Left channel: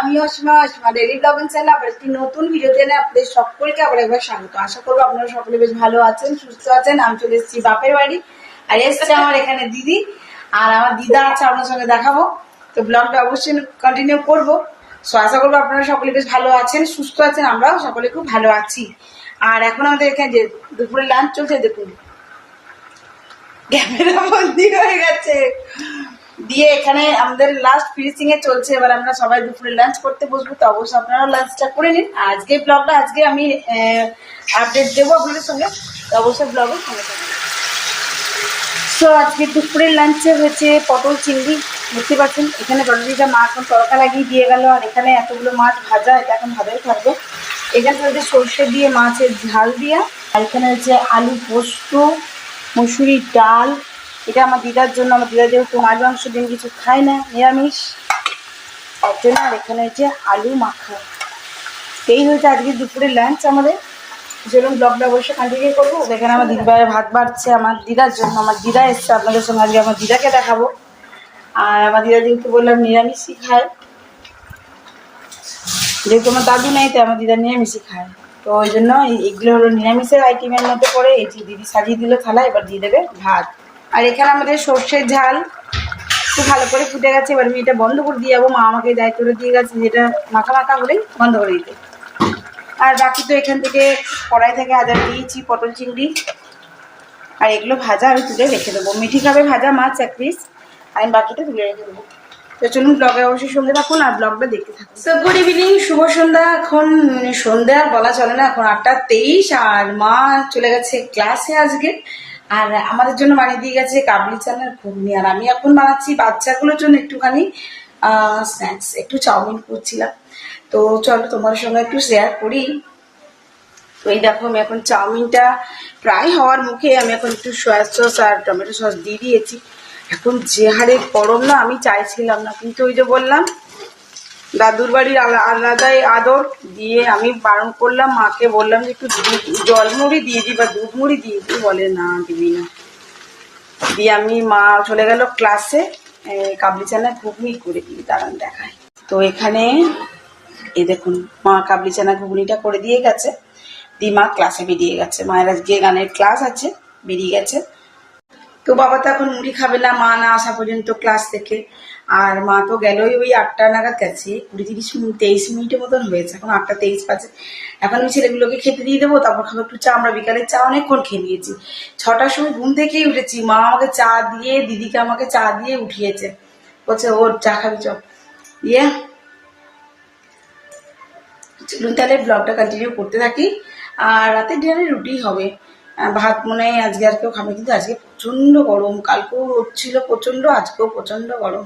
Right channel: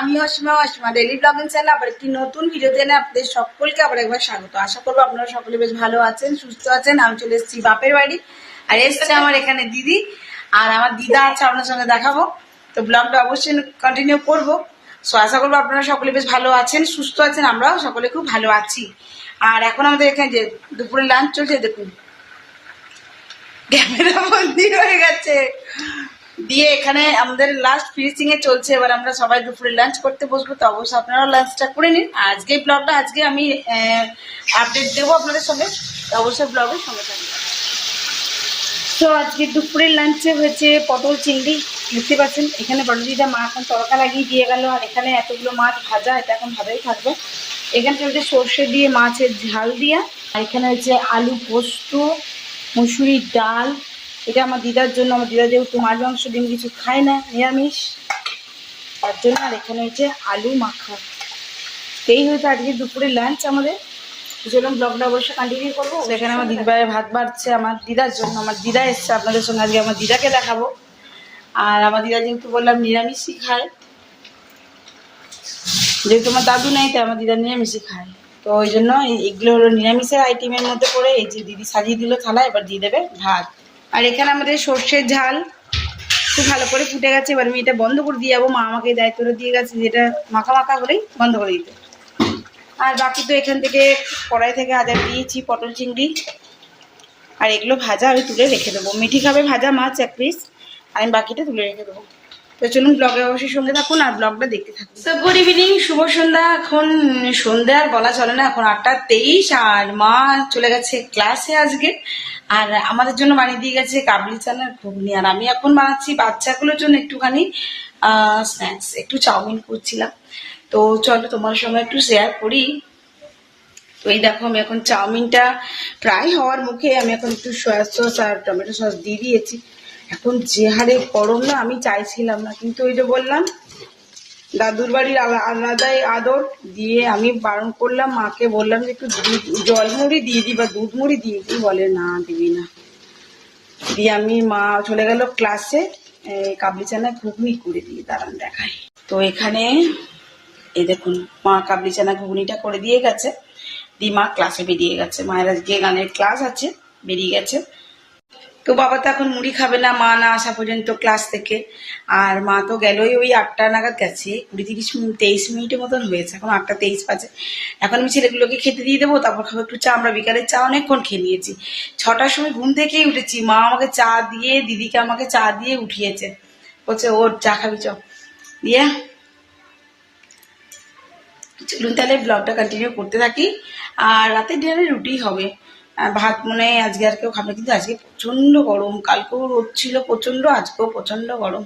আমি Asima daily blogging channel আবার একটি নতুন ভিডিও এনে আপনাদের সকলকে আবার একবার স্বাগত। আশা করবো আপনারা সকলে বেশ ভালো আছেন, সুস্থ আছেন। আমি চলে এসেছি বাপের বাড়ি, আর এসছে আমার এখানে দিদি, আর আমার দিদা আছে, আপনার সঙ্গে দেখাবো। তো ব্লগটা অবশ্যই কন্টিনিউ করবো। সো আশা করবো আপনারা সকলে বেশ ভালো আছেন, সুস্থ আছেন, আমরাও সকলে খুব ভালো আছি। আর এখন আমাদের এখানে যে দুপুরে লাঞ্চ চলছে, দেখুন ক্যামেরা বন্দি হয়ে গেছে দিয়ে। এখানে আমাদের লাস্ট ফিনিশিং এ চলছে, এবার আমরা সবাই দুপুরে লাঞ্চ করতে বসবো। তো অবশ্যই আপনারা লাঞ্চটা করে নিন। আজকে ব্লগটা আজকে আমি আপডেট দেবো আপনাদের সঙ্গে, তো অবশ্যই ব্লগের সঙ্গে থাকবেন। সো আজকে দুপুরের লাঞ্চে হয়েছে পটল চিংড়ি, বুঝতে পারছেন। এখানে পটলটা মা এখন তড়কা লাগিয়ে দিয়ে গেল, আর এখানে এতগুলো মাছ ভাজা, এটা এখন ভাজাই থাকবে। এখানে হচ্ছে সর্ষে দিয়ে মাছের ঝাল দিয়া, আর এখানে হচ্ছে আলু পোস্ত, মুসুরির ডাল। এটা আমার দিদার জন্য, আমার দিদা যেহেতু মাছ মাংস ডিম কিছু খায় না, নিরামিষ, তার জন্য। আর এখানে হচ্ছে আলু মাখা। এই হয়েছে আজকে দুপুরের লাঞ্চ আমাদের। চলুন ব্লগটা অবশ্যই কন্টিনিউ করবো। এখানে আমার দিদিভাইয়ের ভাত বাড়ছে আমার দিদার জন্য। আমার দিদা এসছে আপনাদের সঙ্গে, আজকে আমার দিদাকে দেখাবো। আর আমার দিদা যেহেতু বললাম নিরামিষই খায়, যেহেতু আমার দাদু নেই, তো আমার দিদা নিরামিষই খায়, তো ওই জন্য এগুলো হলো নিরামিষের আইটেমের মধ্যে পড়ে। এই যে দিদি সাজিয়ে দিল থালা, এবার দিয়ে দেবে ভাত। আর এখানে আমাদের সর্ষের ঝাল খুব ভালো করে ফুটে গেছে। এবার আমি এটা বন্ধ করে দিয়ে যাবো, মা আমাকে দায়িত্ব করে দিয়ে গেছে যেটা মাখা মাখা হলেই বন্ধ করে দিতে। আর বাকি তো এখান থেকে কড়াই থেকে আদার দিয়েছি পটল চিংড়ি, আর এগুলো ভাজা আমি তুলে রেখে দেবো। মিঠি খাবে ভাজা মাছ এক পিস, আমি বাকিটা তুলে রেখে দেবো। তো চলুন ব্লগে অবশ্যই সঙ্গে থাকুন আর ব্লগটা দেখতে থাকুন। তো গুড ইভিনিং, শুভ সন্ধ্যা। এখন সন্ধ্যা আর বলা চলে না, এখন 8:23, আর মা চলে গেছে ক্লাসে আজকে। আর আমাদের জন্য বানিয়ে দিয়ে গেছে কাবলি চানার ঘুগনি, আর আমি এখন বানাচ্ছি বাচ্চাগুলোর জন্য একটুখানি স্ন্যাক্স, একটু চাউমিন করছিলাম। তো চলো তোমার সঙ্গে একটু শেয়ার করি। তো এই দেখো, আমি এখন চাউমিনটা প্রায় হওয়ার মুখে, আমি এখন একটু সয়া সস আর টমেটো সস দিয়ে দিয়েছি। এখন যে হারে গরম না, আমি চাইছিলাম না, কিন্তু ওই যে বললাম দাদুর বাড়ির আলাদাই আদর দিয়ে আমি বারণ করলাম মাকে, বললাম যে একটু জল মুড়ি দিয়ে দিই বা দুধ মুড়ি দিয়ে দিই, বলে না দিবি না। দিয়ে আমি মা চলে গেল ক্লাসে, কাবলি চানা ঘুগনি করে দিই, দাঁড়ান দেখাই। তো এখানে এই দেখুন, মা কাবলি চানা ঘুগনিটা করে দিয়ে গেছে, দিয়ে মা ক্লাসে বেরিয়ে গেছে। মায়ের আজকে গানের ক্লাস আছে, বেরিয়ে গেছে। তো বাবা তো এখন মুড়ি খাবে না, মা না আসা পর্যন্ত ক্লাস থেকে। আর মা তো গেলই ওই 8টা নাগাদ গেছে, 20-30 মিনিটের মতন হয়েছে, এখন 8:23 বাজে। এখন আমি ছেলেগুলোকে খেতে দিয়ে দেবো, তারপর খাবো একটু চা। আমরা বিকালের চা অনেকক্ষণ খেয়ে নিয়েছি, 6টার সময় ঘুম থেকেই উঠেছি। মা আমাকে চা দিয়ে, দিদিকে আমাকে চা দিয়ে উঠিয়েছে, বলছে ওর চা খাবি চ। দিয়ে চলুন তাহলে ব্লগটা কন্টিনিউ করতে থাকি। আর রাতের ডিনারে রুটি হবে, ভাত মনে হয় আজকে আর কেউ খাবে, কিন্তু আজকে প্রচণ্ড গরম, কালকেও রোদ ছিল প্রচণ্ড, আজকেও প্রচণ্ড গরম।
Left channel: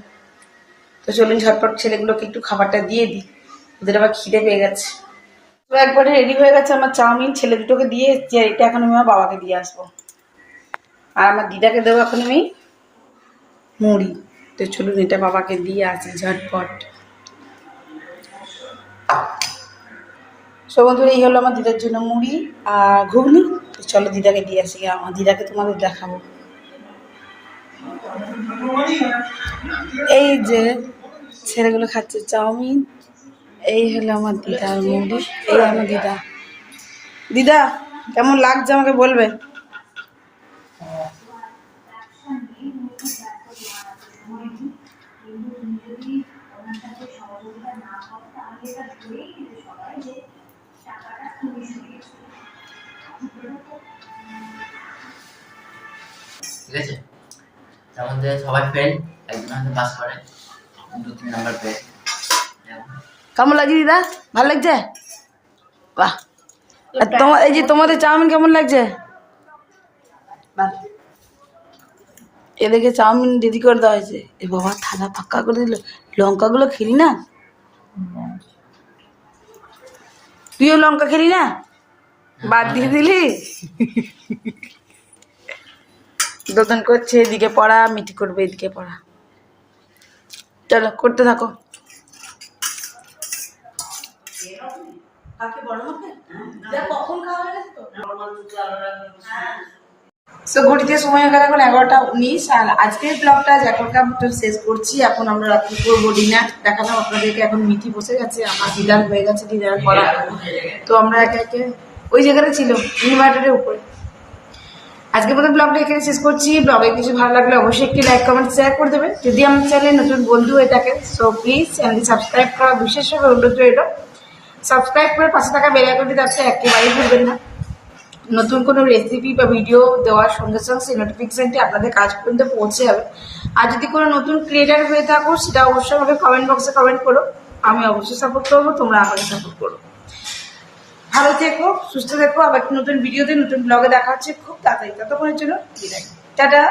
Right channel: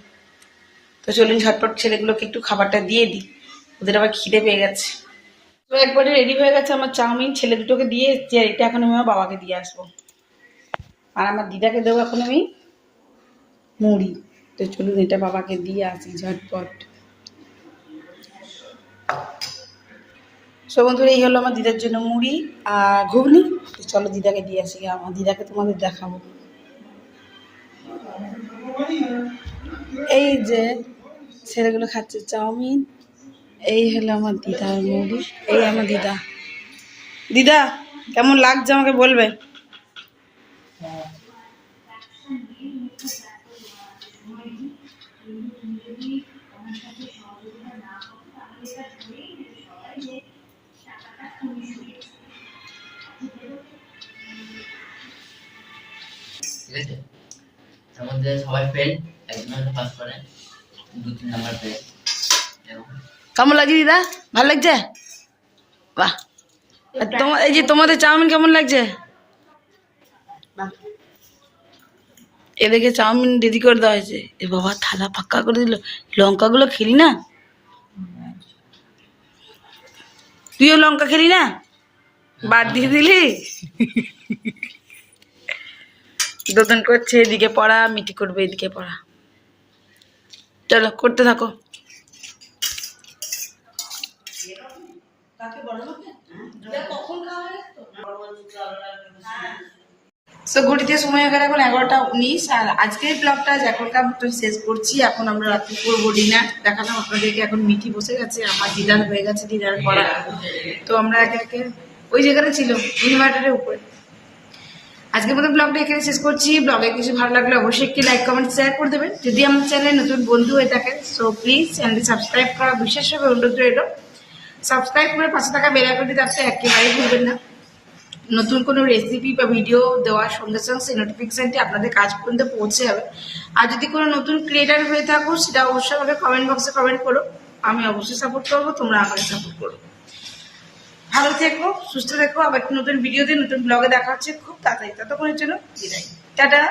তো চলুন ঝটপট ছেলেগুলোকে একটু খাবারটা দিয়ে দিই, ওদের আবার খিদে পেয়ে গেছে। তো একবারে রেডি হয়ে গেছে আমার চাউমিন, ছেলে দুটোকে দিয়ে এসছি, আর এটা এখন আমি আমার বাবাকে দিয়ে আসবো, আর আমার দিদাকে দেবো এখন আমি মুড়ি। তো চলুন এটা বাবাকে দিয়ে আসি ঝটপট। সব বন্ধুরা, এই হলো আমার দিদার জন্য মুড়ি আর ঘুগনি। চলো দিদাকে দিয়ে আসি, আমার দিদাকে তোমাদের দেখাবো। এই যে ছেলেগুলো খাচ্ছে চাউমিন, এই হলো আমার দিদার মুড়ি, এই আমার দিদা। দিদা কেমন লাগছে আমাকে বলবে। ঠিক আছে, তার মধ্যে সবাই ফেল, একজন হয়তো পাস করে, 2-3 নাম্বার পেয়ে। কেমন লাগছে দিদা, ভালো লাগছে? বাহ। তোমার এই যে তোমাদের চাউমিন কেমন লাগছে? এদিকে চাউমিন দিদি করে দেওয়া হয়েছে। এ বাবা, থালা ফাঁকা করে দিল। লঙ্কাগুলো খেলি না, তুইও লঙ্কা খেলি না, বাদ দিয়ে দিলি। দোতন করছে, এদিকে পড়া, মিটি করবে এদিকে পড়া। চলো করতে থাকো। সো ঘড়িতে সময় হয়ে গেল এখন 11টা 19। আর আজকের ব্লগটা এখনকার মতো শেষ করছি। এখন আমরা রাত্রি করবো ডিনার। দেখাবো আপনাদেরকে। এখন মিঠি বসে গেছে, আমার ডিনার হয়ে গেছে, ডিনার করা। তো আমরা একে একে ওই জায়গাটা ছিল ইনভার্টারের উপরে। আজকের মতো ব্লগটা এখানে শেষ করছি। ব্লগে কিছু ভালো লাগলে অবশ্যই একটি লাইক কমেন্ট শেয়ার করে দেবেন। যদি আমার চ্যানেলে নতুন বন্ধু হয়ে থাকে সো প্লিজ চ্যানেলটি সাবস্ক্রাইব করা বিশেষভাবে অনুরোধ রইল। সাবস্ক্রাইব করে পাশে থাকা বেল আইকনটি তাতে একেবারেই ভুলবেন না। নতুন কোনো রেসিপি বা ভিডিও দেওয়ার সঙ্গে সঙ্গে সেই নোটিফিকেশানটি আপনাদের কাজ পর্যন্ত পৌঁছে যাবে। আর যদি কোনো নতুন ক্রিয়েটার হয়ে থাকো সেটা অবশ্যই আমাকে কমেন্ট বক্সে কমেন্ট করো। আমি অবশ্যই সাপোর্ট করবো, তোমরা আমাকে সাপোর্ট করো। ভালো থেকো, সুস্থ থেকো। আবার নতুন ভিডিওতে নতুন ব্লগে দেখা হচ্ছে খুব তাড়াতাড়ি। ততক্ষণের জন্য বিদায়, টাটা।